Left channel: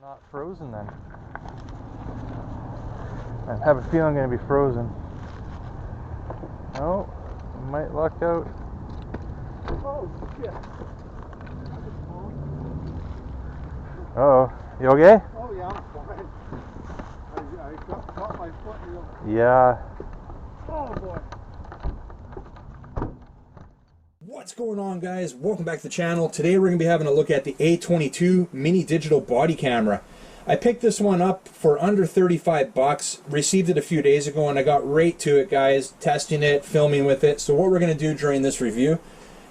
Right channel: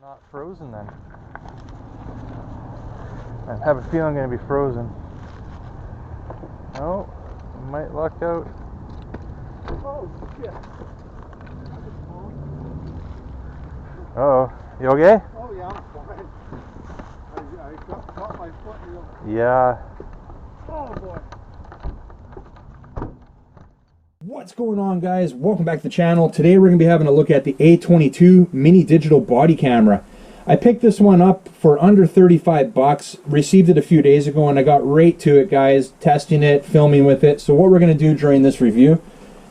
Not frozen then. I have a feeling I'm going to be frozen. Oh, might luck out. Oh shit. Uh-oh. You okay? Oh yeah, I'm fine. I caught my foot real. Yeah. Oh boy. What's going on, guys? Welcome back to the channel. Today we're going to be having a look at the A22 mini digital body camera. I picked this one up for under 35 bucks, received it a few days ago, and I got right to it, guys, testing it, filming with it. So what we're going to do during this review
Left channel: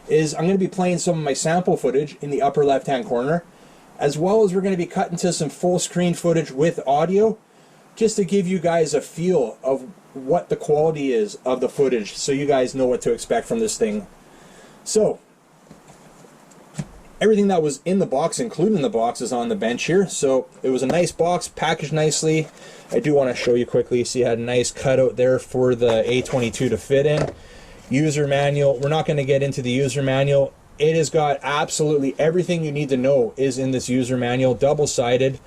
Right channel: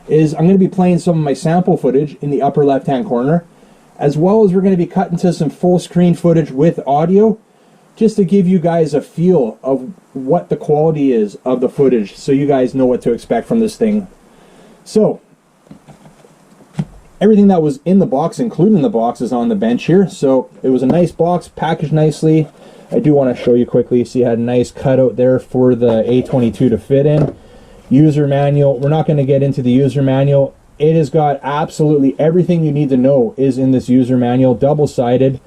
is I'm going to be playing some of my sample footage in the upper left hand corner, as well as we're going to be cutting to some full screen footage with audio, just to give you guys a feel of what the quality is of the footage, so you guys know what to expect from this thing. So, everything that was in the box, including the box, is on the bench here. So, it was a nice box, packaged nicely. I do want to show you quickly. See, it had a nice cutout there for the A22 to fit in. User manual. We're not going to get into the user manual. It has got absolutely everything you need to know is in this user manual, double-sided.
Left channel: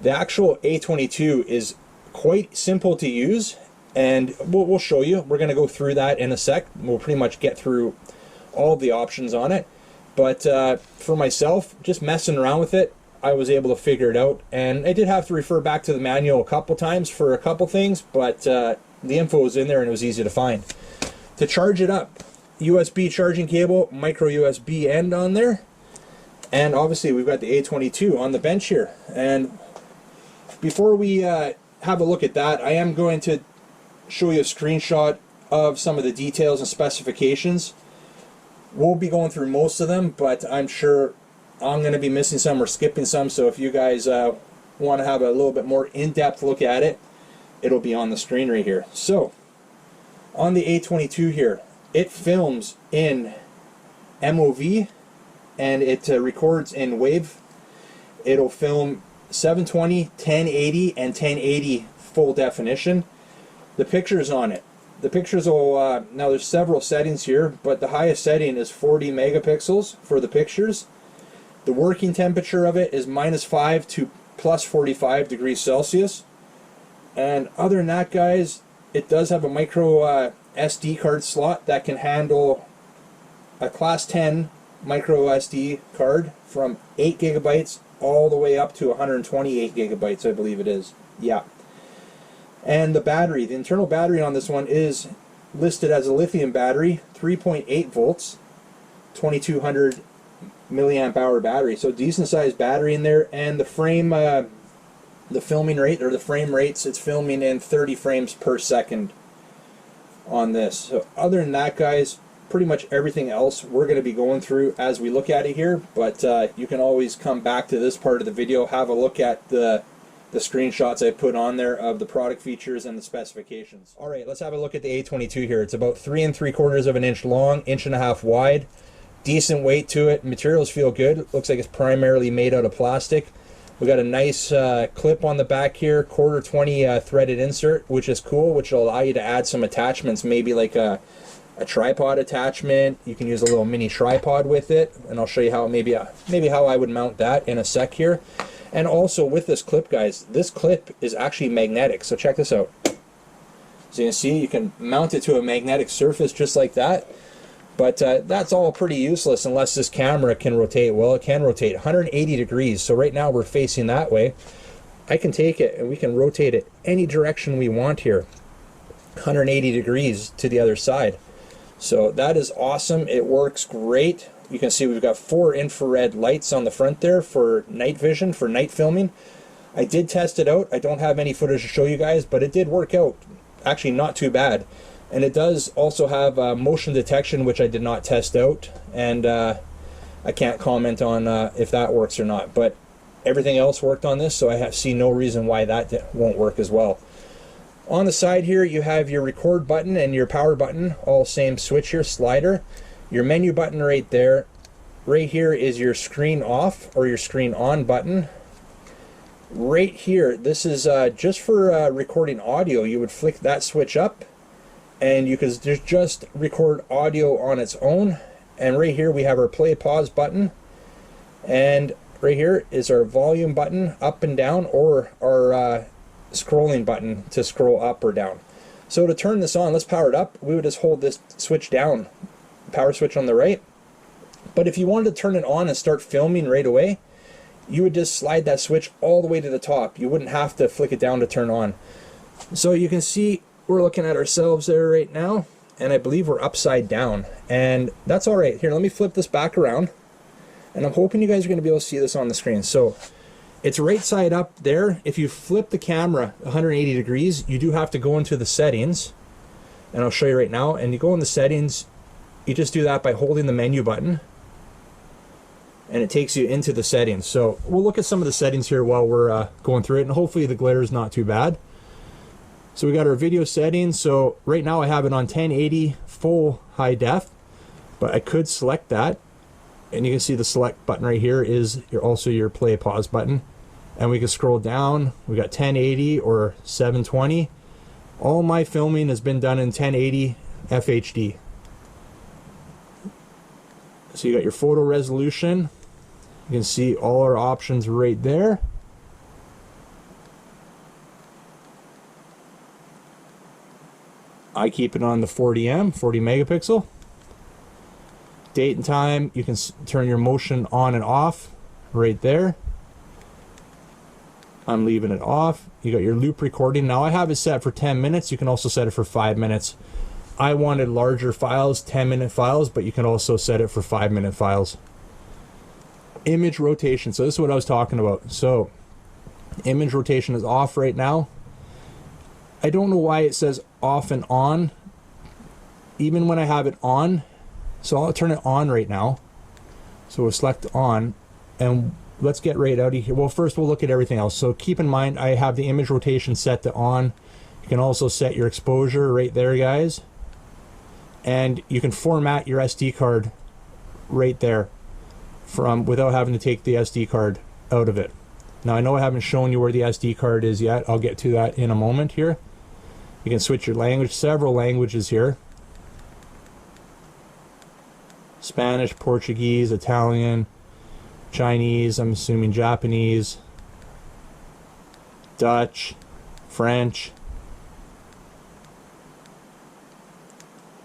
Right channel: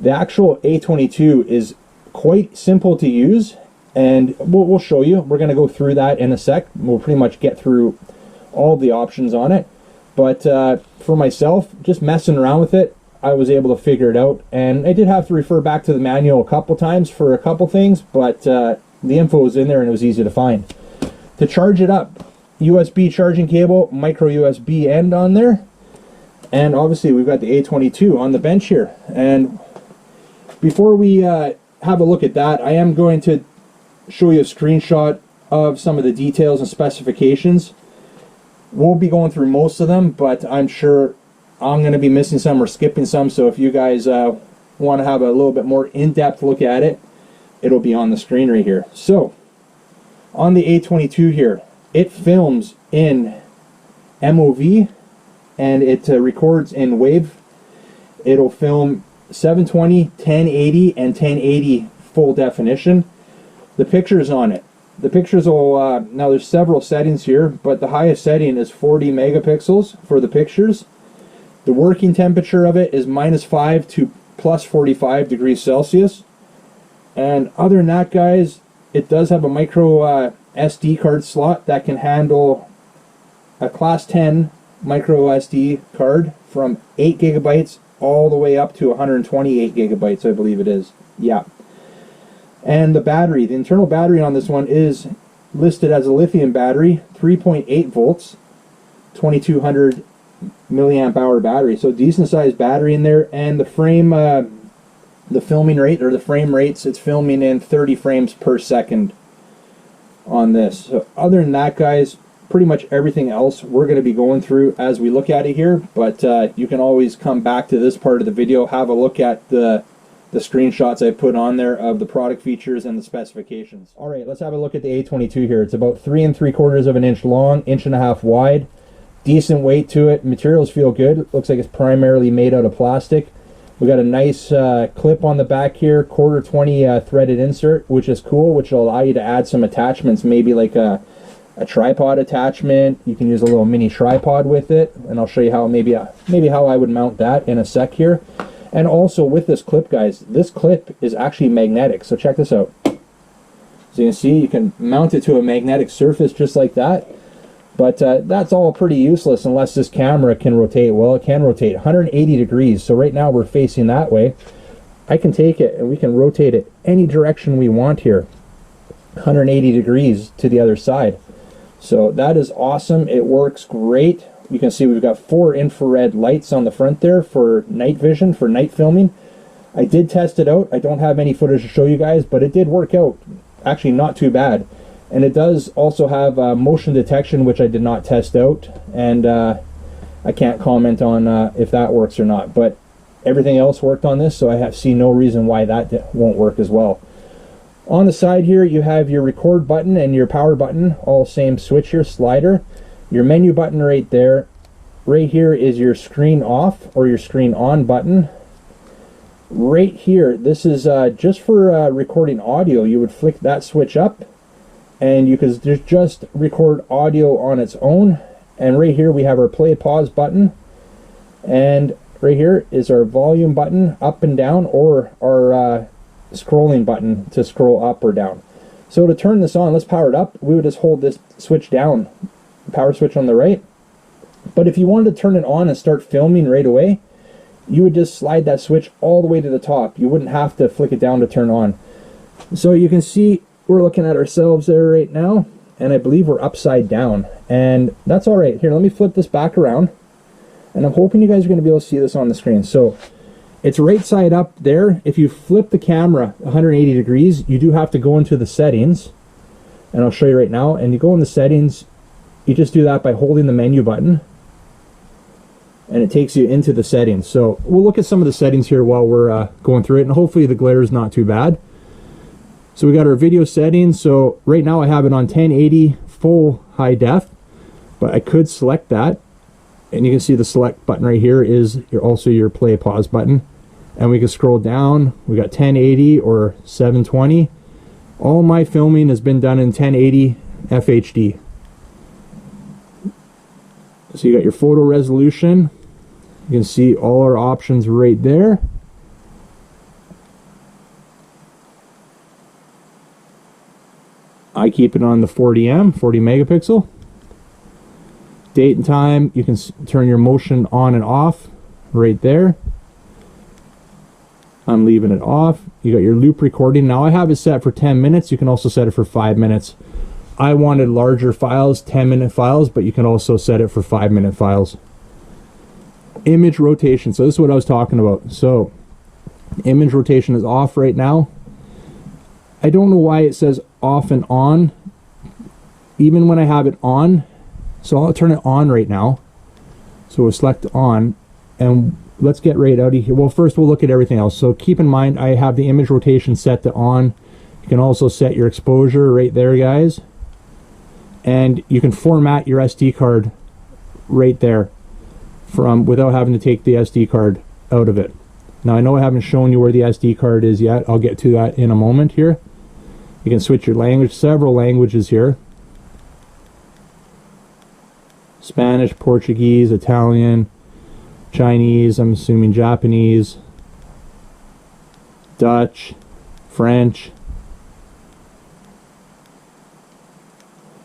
The actual A22 is quite simple to use, and we'll show you. We're going to go through that in a sec. We'll pretty much get through all the options on it, but for myself, just messing around with it, I was able to figure it out, and I did have to refer back to the manual a couple times for a couple things, but the info was in there and it was easy to find. To charge it up, USB charging cable, micro USB end on there, and obviously we've got the A22 on the bench here. And before we have a look at that, I am going to show you a screenshot of some of the details and specifications. We'll be going through most of them, but I'm sure I'm going to be missing some or skipping some, so if you guys want to have a little bit more in-depth look at it, it'll be on the screen right here. So, on the A22 here, it films in MOV, and it records in WAV. It'll film 720, 1080, and 1080 full definition. The pictures on it. The pictures will, now there's several settings here, but the highest setting is 40 megapixels for the pictures. The working temperature of it is -5 to +45 degrees Celsius. And other than that, guys, it does have a micro SD card slot that can handle a class 10 micro SD card from 8 gigabytes all the way up to 128 gigabytes, I believe it is. Yeah. And the battery, the internal battery on this one is listed as a lithium battery, 3.8 volts, 2200 milliamp hour battery. So decent sized battery in there. And the frame, the filming rate, or the frame rates, it's filming in 30 frames per second on this. So other than that, guys, pretty much everything else we're going to be going through as we look at it here. But you can always come back to this part of the video, have a look at the screenshots I put on there of the product features and the specifications. All right, let's have a look at the A22 here. It's about 3 3/4 of an inch long, 1.5 inches wide. Decent weight to it. Materials feel good. Looks like it's primarily made out of plastic. We got a nice clip on the back here, 1/4 threaded insert, which is cool, which will allow you to add some attachments, maybe like a tripod attachment. You can use a little mini tripod with it, and I'll show you how maybe how I would mount that in a sec here. And also with this clip, guys, this clip is actually magnetic. So check this out. As you can see, you can mount it to a magnetic surface just like that. But that's all pretty useless unless this camera can rotate. Well, it can rotate 180 degrees. So right now we're facing that way. I can take it and we can rotate it any direction we want here. 180 degrees to the other side. So that is awesome. It works great. You can see we've got 4 infrared lights on the front there for night vision, for night filming. I did test it out. I don't have any footage to show you guys, but it did work out. Actually, not too bad. And it does also have motion detection, which I did not test out. And I can't comment on if that works or not. But everything else worked on this, so I see no reason why that won't work as well. On the side here, you have your record button and your power button, all same switch here, slider. Your menu button right there. Right here is your screen off or your screen on button. Right here, this is just for recording audio. You would flick that switch up and you could just record audio on its own. And right here we have our play pause button. And right here is our volume button up and down, or our scrolling button to scroll up or down. So to turn this on, let's power it up. We would just hold this switch down, power switch on the right. But if you wanted to turn it on and start filming right away, you would just slide that switch all the way to the top. You wouldn't have to flick it down to turn on. So you can see we're looking at ourselves there right now, and I believe we're upside down, and that's all right. Here, let me flip this back around, and I'm hoping you guys are going to be able to see this on the screen. So it's right side up there. If you flip the camera 180 degrees, you do have to go into the settings, and I'll show you right now. And you go in the settings, you just do that by holding the menu button, and it takes you into the settings. So we'll look at some of the settings here while we're going through it, and hopefully the glare is not too bad. So we got our video settings. So right now I have it on 1080 full high def, but I could select that, and you can see the select button right here is also your play pause button. And we can scroll down. We got 1080 or 720. All my filming has been done in 1080 FHD. So you got your photo resolution. You can see all our options right there. I keep it on the 40M, 40 megapixel. Date and time, you can turn your motion on and off right there. I'm leaving it off. You got your loop recording. Now I have it set for 10 minutes. You can also set it for 5 minutes. I wanted larger files, 10-minute files, but you can also set it for 5-minute files. Image rotation. So this is what I was talking about. So image rotation is off right now. I don't know why it says off and on, even when I have it on. So I'll turn it on right now. So we'll select on, and let's get right out of here. Well, first we'll look at everything else. So keep in mind, I have the image rotation set to on. You can also set your exposure right there, guys. And you can format your SD card right there without having to take the SD card out of it. Now I know I haven't shown you where the SD card is yet. I'll get to that in a moment here. You can switch your language, several languages here. Spanish, Portuguese, Italian, Chinese, I'm assuming Japanese, Dutch, French.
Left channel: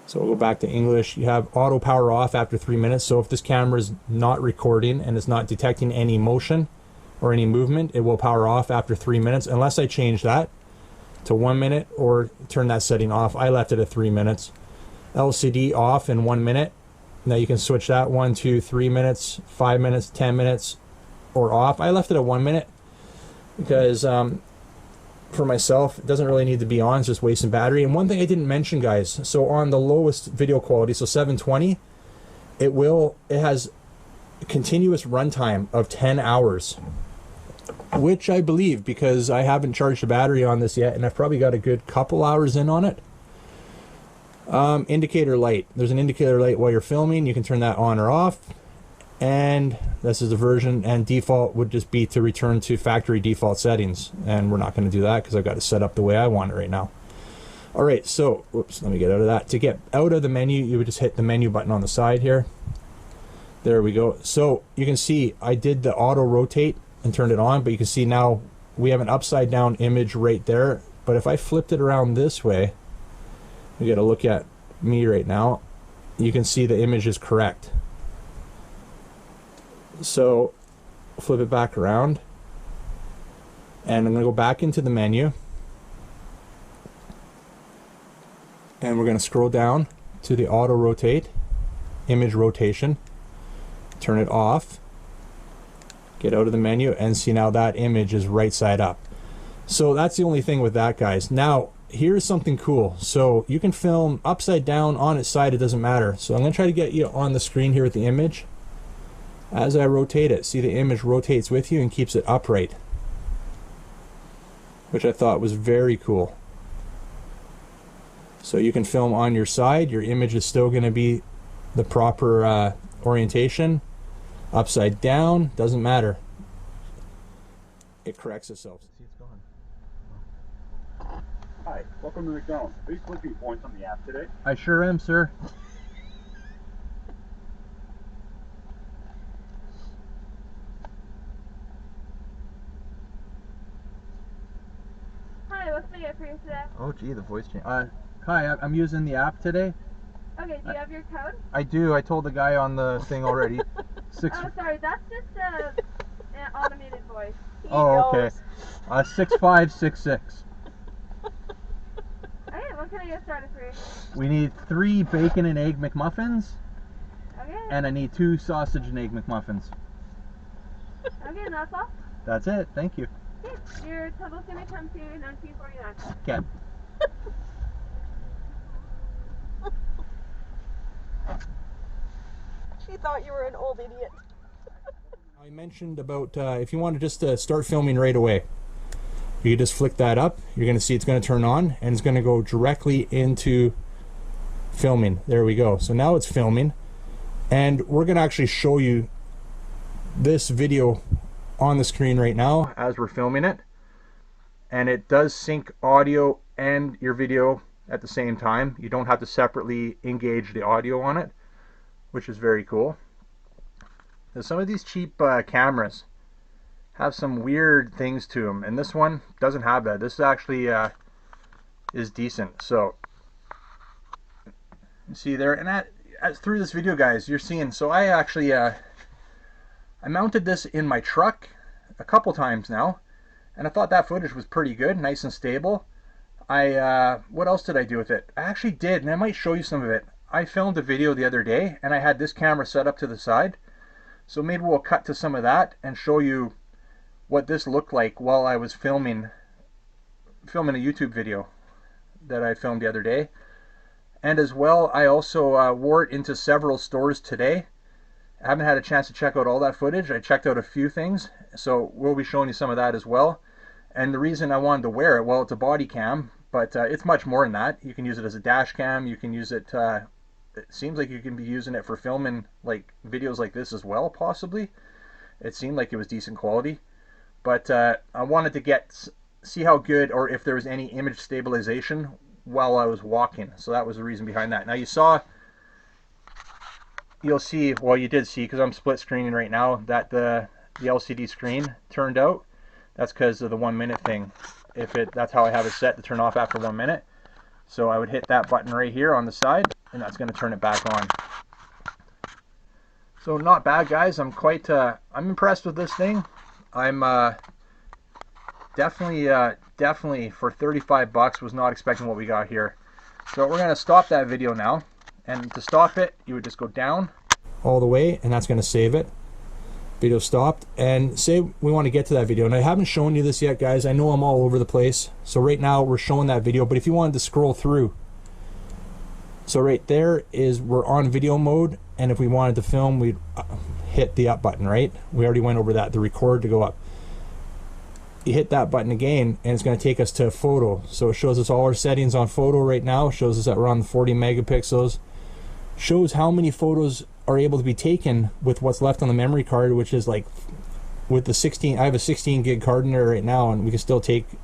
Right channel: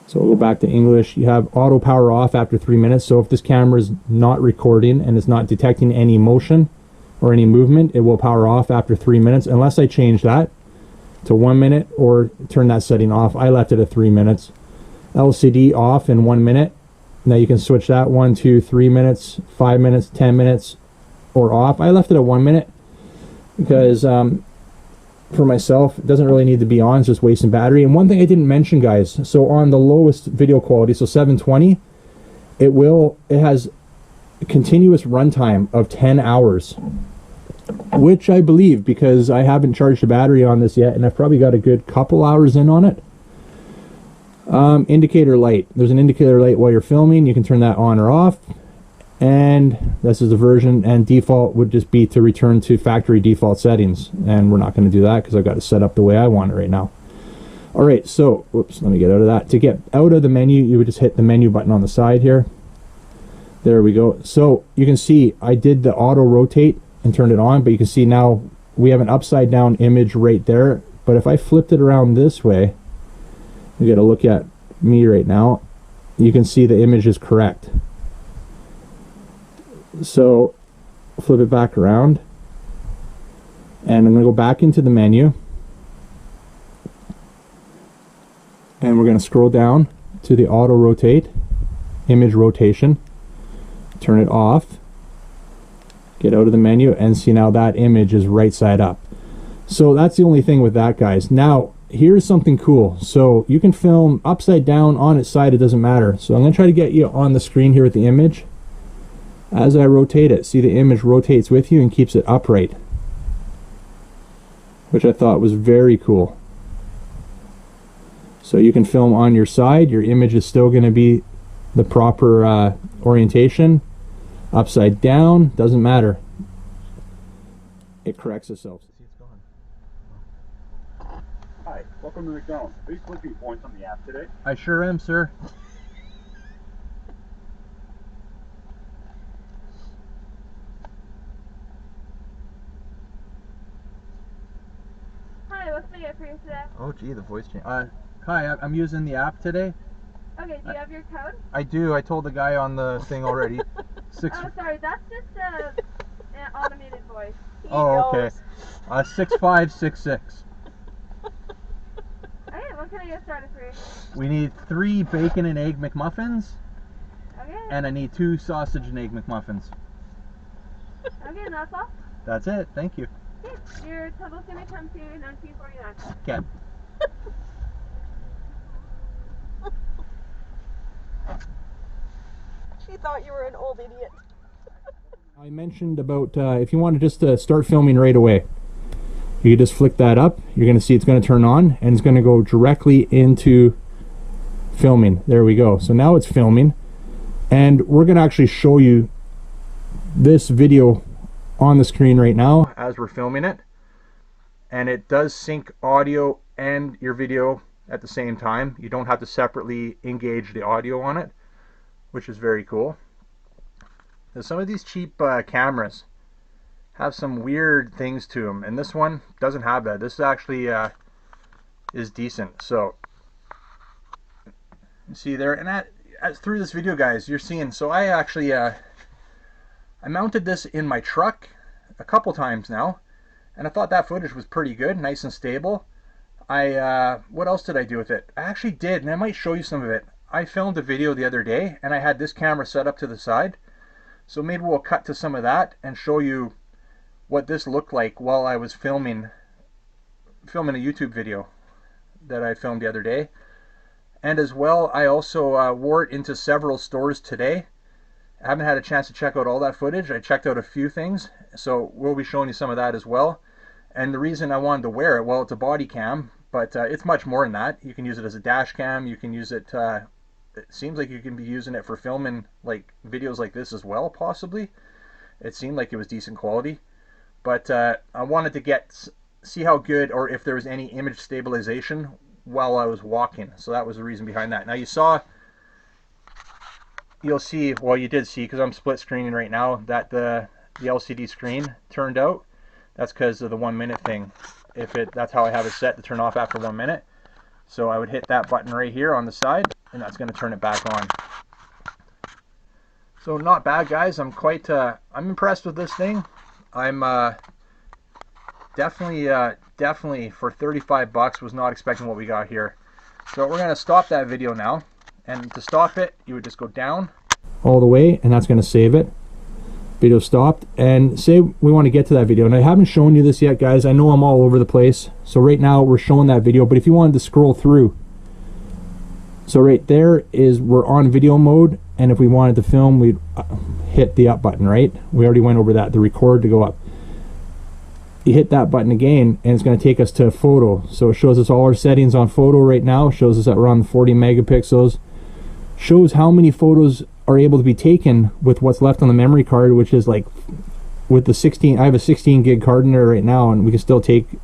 So we'll go back to English. You have auto power off after 3 minutes. So if this camera is not recording and it's not detecting any motion or any movement, it will power off after 3 minutes, unless I change that to 1 minute or turn that setting off. I left it at 3 minutes. LCD off in 1 minute. Now you can switch that 1, 2, 3 minutes, 5 minutes, 10 minutes, or off. I left it at 1 minute because for myself, it doesn't really need to be on. It's just wasting battery. And one thing I didn't mention, guys, so on the lowest video quality, so 720, it has a continuous runtime of 10 hours, which I believe, because I haven't charged the battery on this yet, and I've probably got a good couple hours in on it. Indicator light. There's an indicator light while you're filming. You can turn that on or off. And this is the version, and default would just be to return to factory default settings. And we're not going to do that because I've got it set up the way I want it right now. All right, so, whoops, let me get out of that. To get out of the menu, you would just hit the menu button on the side here. There we go. So you can see I did the auto rotate and turned it on, but you can see now we have an upside down image right there. But if I flipped it around this way, you got to look at me right now, you can see the image is correct. So flip it back around, and I'm going to go back into the menu, and we're going to scroll down to the auto rotate, image rotation, turn it off, get out of the menu, and see now that image is right side up. So that's the only thing with that, guys. Now here's something cool. So you can film upside down, on its side, it doesn't matter. So I'm going to try to get you on the screen here with the image. As I rotate it, see the image rotates with you and keeps it upright, which I thought was very cool. So you can film on your side, your image is still going to be the proper orientation. Upside down, doesn't matter. It corrects itself. Hi, welcome to McDonald's. Are you collecting points on the app today? I sure am, sir. what can I get for you today? Oh, gee, the voice change. Hi, I'm using the app today. Okay, do you have your code? I do. I told the guy on the thing already. Oh, sorry, that's just an automated voice. Oh, okay. 6566. Okay, what can I get started for you? We need 3 bacon and egg McMuffins, Okay. and I need 2 sausage and egg McMuffins. Okay, and that's all? That's it. Thank you. Okay, your total's gonna come to $19.49. Okay. She thought you were an old idiot. I mentioned about if you want to just start filming right away, you can just flick that up. You're going to see it's going to turn on and it's going to go directly into filming. There we go. So now it's filming, and we're going to actually show you this video on the screen right now as we're filming it, and it does sync audio and your video at the same time. You don't have to separately engage the audio on it, which is very cool. Now, some of these cheap cameras have some weird things to them, and this one doesn't have that. This actually is decent. So you see there, and through this video, guys, you're seeing. So I actually I mounted this in my truck a couple times now, and I thought that footage was pretty good, nice and stable. What else did I do with it? I actually did, and I might show you some of it. I filmed a video the other day, and I had this camera set up to the side. So maybe we'll cut to some of that and show you what this looked like while I was filming a YouTube video that I filmed the other day. And as well, I also wore it into several stores today. I haven't had a chance to check out all that footage. I checked out a few things, so we'll be showing you some of that as well. And the reason I wanted to wear it, well, it's a body cam, but it's much more than that. You can use it as a dash cam. You can use it, it seems like you can be using it for filming like videos like this as well, possibly. It seemed like it was decent quality. But I wanted to see how good, or if there was any image stabilization while I was walking. So that was the reason behind that. Now you'll see, well, you did see, because I'm split screening right now, that the LCD screen turned out. That's because of the 1 minute thing. That's how I have it set to turn off after 1 minute. So I would hit that button right here on the side, and that's going to turn it back on. So not bad, guys. I'm I'm impressed with this thing. I'm definitely for 35 bucks was not expecting what we got here. So we're going to stop that video now, and to stop it, you would just go down all the way, and that's going to save it. Video stopped, and say we want to get to that video, and I haven't shown you this yet, guys. I know I'm all over the place, so right now we're showing that video, but if you wanted to scroll through, so right there is we're on video mode, and if we wanted to film, we'd hit the up button, right? We already went over that, the record to go up. You hit that button again, and it's going to take us to photo. So it shows us all our settings on photo right now. It shows us that we're on 40 megapixels. Shows how many photos are able to be taken with what's left on the memory card, which is like with the 16, I have a 16 gig card in there right now, and we can still take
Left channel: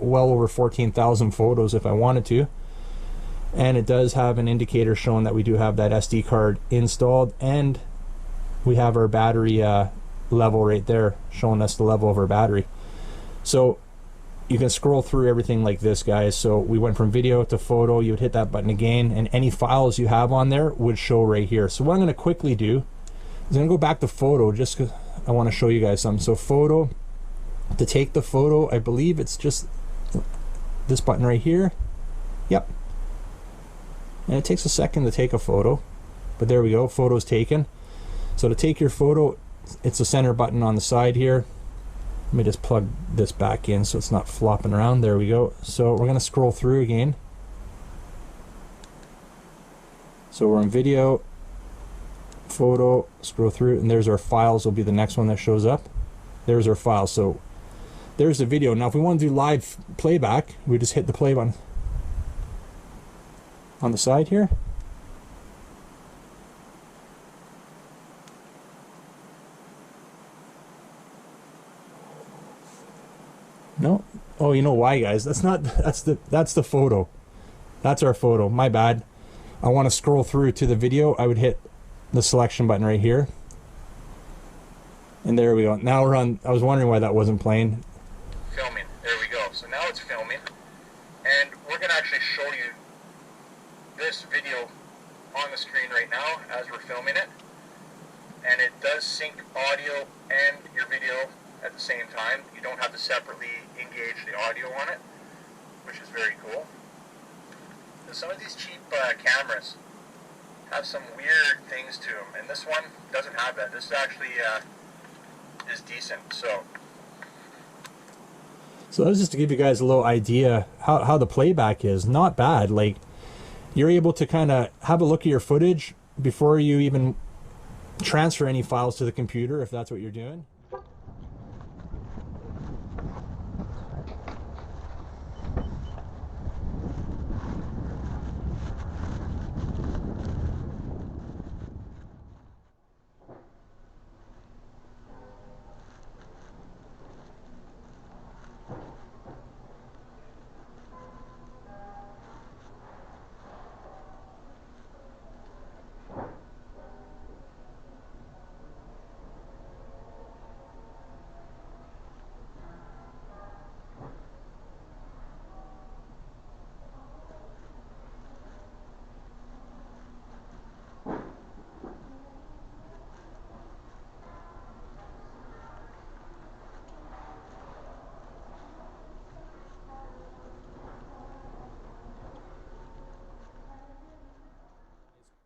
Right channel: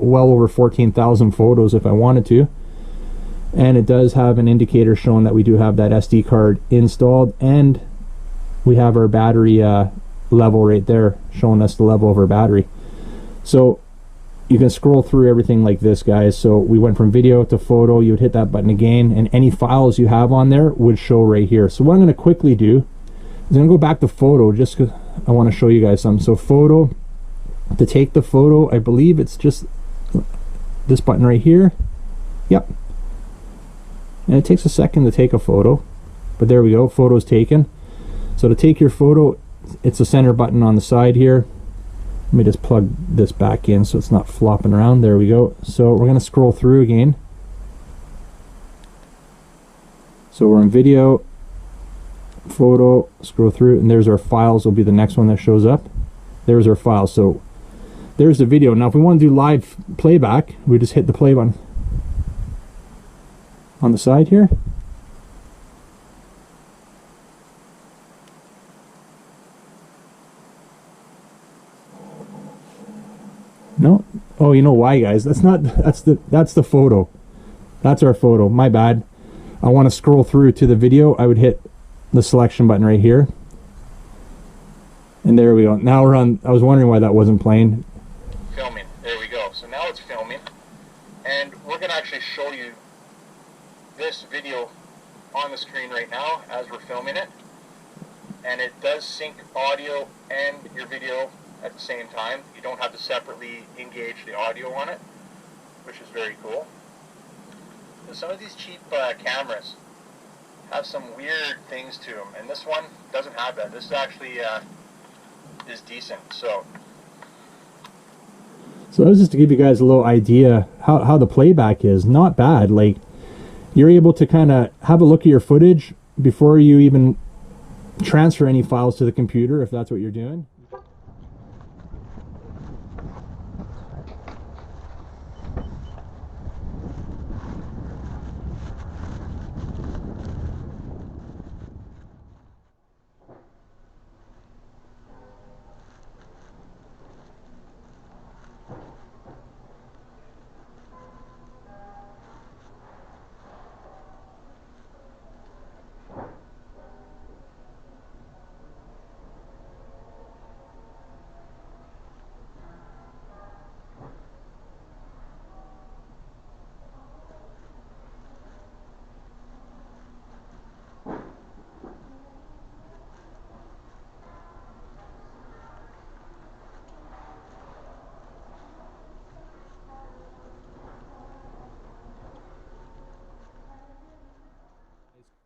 well over 14,000 photos if I wanted to. And it does have an indicator showing that we do have that SD card installed, and we have our battery level right there showing us the level of our battery. So you can scroll through everything like this, guys. So we went from video to photo. You would hit that button again, and any files you have on there would show right here. So what I'm going to quickly do is I'm going to go back to photo just because I want to show you guys something. So photo, to take the photo, I believe it's just this button right here. Yep. And it takes a second to take a photo, but there we go, photo's taken. So to take your photo, it's a center button on the side here. Let me just plug this back in so it's not flopping around. There we go. So we're going to scroll through again. So we're in video, photo, scroll through, and there's our files will be the next one that shows up. There's our files. So there's the video. Now if we want to do live playback, we just hit the play button on the side here. No? Oh, you know why, guys? That's the photo. That's our photo. My bad. I want to scroll through to the video. I would hit the selection button right here. And there we go. Now we're on. I was wondering why that wasn't playing. Filming. There we go. So now it's filming. this video on the screen right now as we're filming it, and it does sync audio and your video at the same time. You don't have to separately engage the audio on it, which is very cool. And some of these cheap cameras have some weird things to them, and this one doesn't have that. This actually is decent. So that was just to give you guys a little idea how the playback is. Not bad. Like, you're able to kind of have a look at your footage before you even transfer any files to the computer, if that's what you're doing.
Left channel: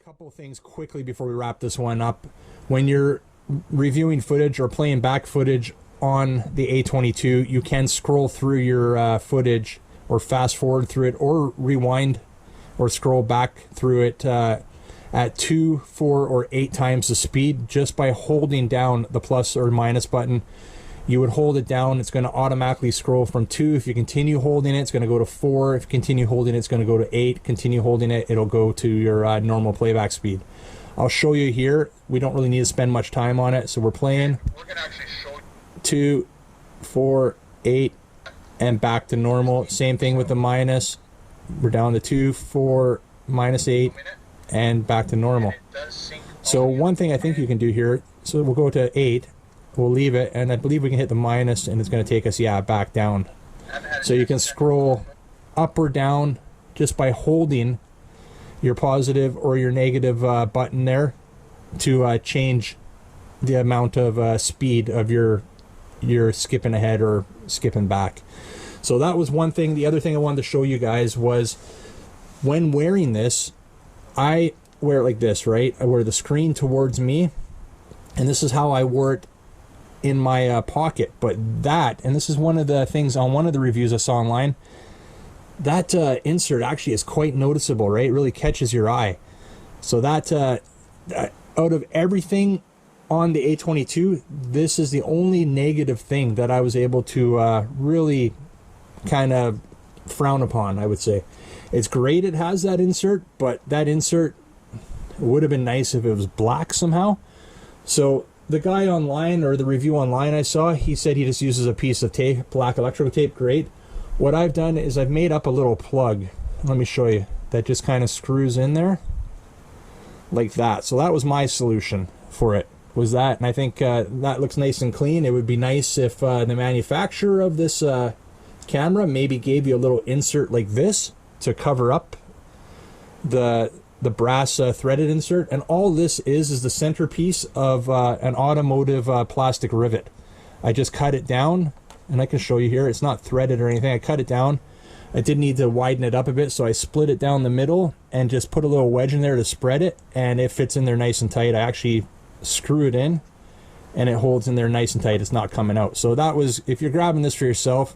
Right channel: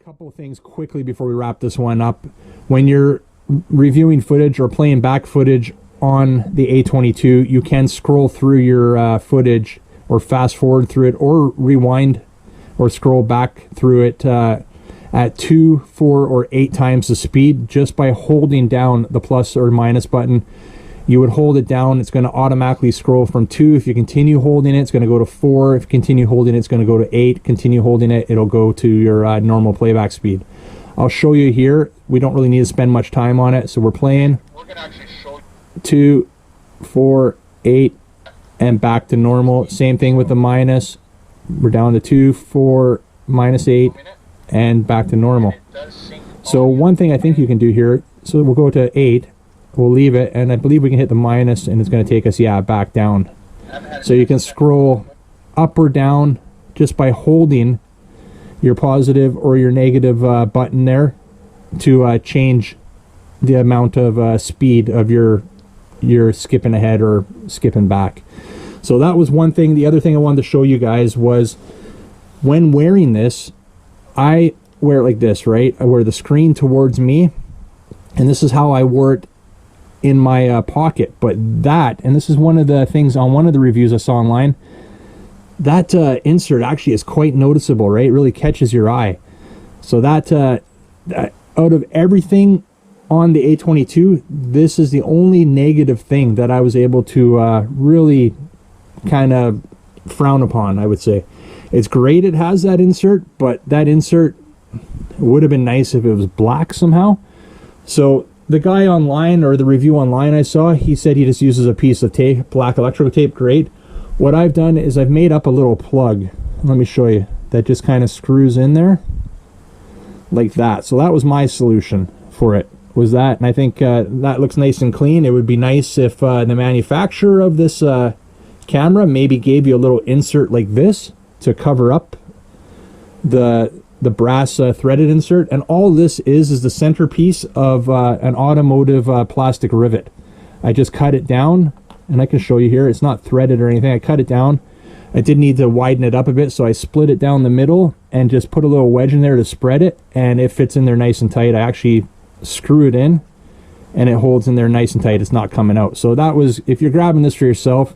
Couple things quickly before we wrap this one up. When you're reviewing footage or playing back footage on the A22, you can scroll through your footage or fast forward through it or rewind or scroll back through it at 2, 4, or 8 times the speed just by holding down the plus or minus button. You would hold it down, it's going to automatically scroll from 2. If you continue holding it, it's going to go to 4. If you continue holding it, it's going to go to 8. Continue holding it, it'll go to your normal playback speed. I'll show you here. We don't really need to spend much time on it, so we're playing 2, 4, 8, and back to normal. Same thing with the minus. We're down to 2, 4, minus 8, and back to normal. So one thing I think you can do here, so we'll go to 8. We'll leave it, and I believe we can hit the minus, and it's going to take us, yeah, back down. So you can scroll up or down just by holding your positive or your negative button there to change the amount of speed of your skipping ahead or skipping back. So that was one thing. The other thing I wanted to show you guys was when wearing this, I wear it like this, right? I wear the screen towards me, and this is how I wore it in my pocket. But that, and this is one of the things on one of the reviews I saw online, that insert actually is quite noticeable, right? It really catches your eye. So that out of everything on the A22, this is the only negative thing that I was able to really kind of frown upon, I would say. It's great it has that insert, but that insert would have been nice if it was black somehow. So the guy online, or the review online I saw, he said he just uses a piece of tape, black electrical tape. Great. What I've done is I've made up a little plug. Let me show you. That just kind of screws in there like that. So that was my solution for it, was that. And I think that looks nice and clean. It would be nice if the manufacturer of this camera maybe gave you a little insert like this to cover up the brass threaded insert. And all this is the centerpiece of an automotive plastic rivet. I just cut it down, and I can show you here. It's not threaded or anything. I cut it down. I did need to widen it up a bit, so I split it down the middle and just put a little wedge in there to spread it, and it fits in there nice and tight. I actually screw it in, and it holds in there nice and tight. It's not coming out. So that was, if you're grabbing this for yourself,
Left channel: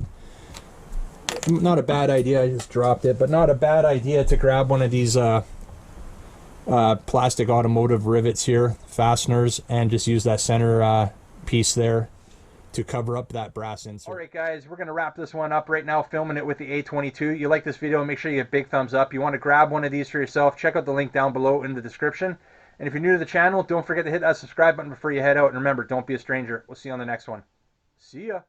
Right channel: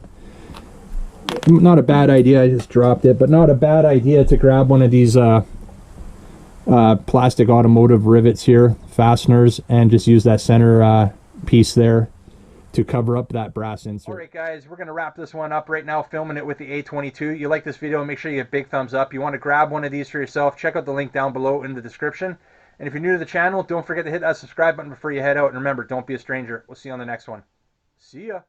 not a bad idea. I just dropped it, but not a bad idea to grab one of these plastic automotive rivets here, fasteners, and just use that center piece there to cover up that brass insert. Alright guys, we're going to wrap this one up right now, filming it with the A22. You like this video, make sure you give a big thumbs up. You want to grab one of these for yourself, check out the link down below in the description. And if you're new to the channel, don't forget to hit that subscribe button before you head out. And remember, don't be a stranger. We'll see you on the next one. See ya.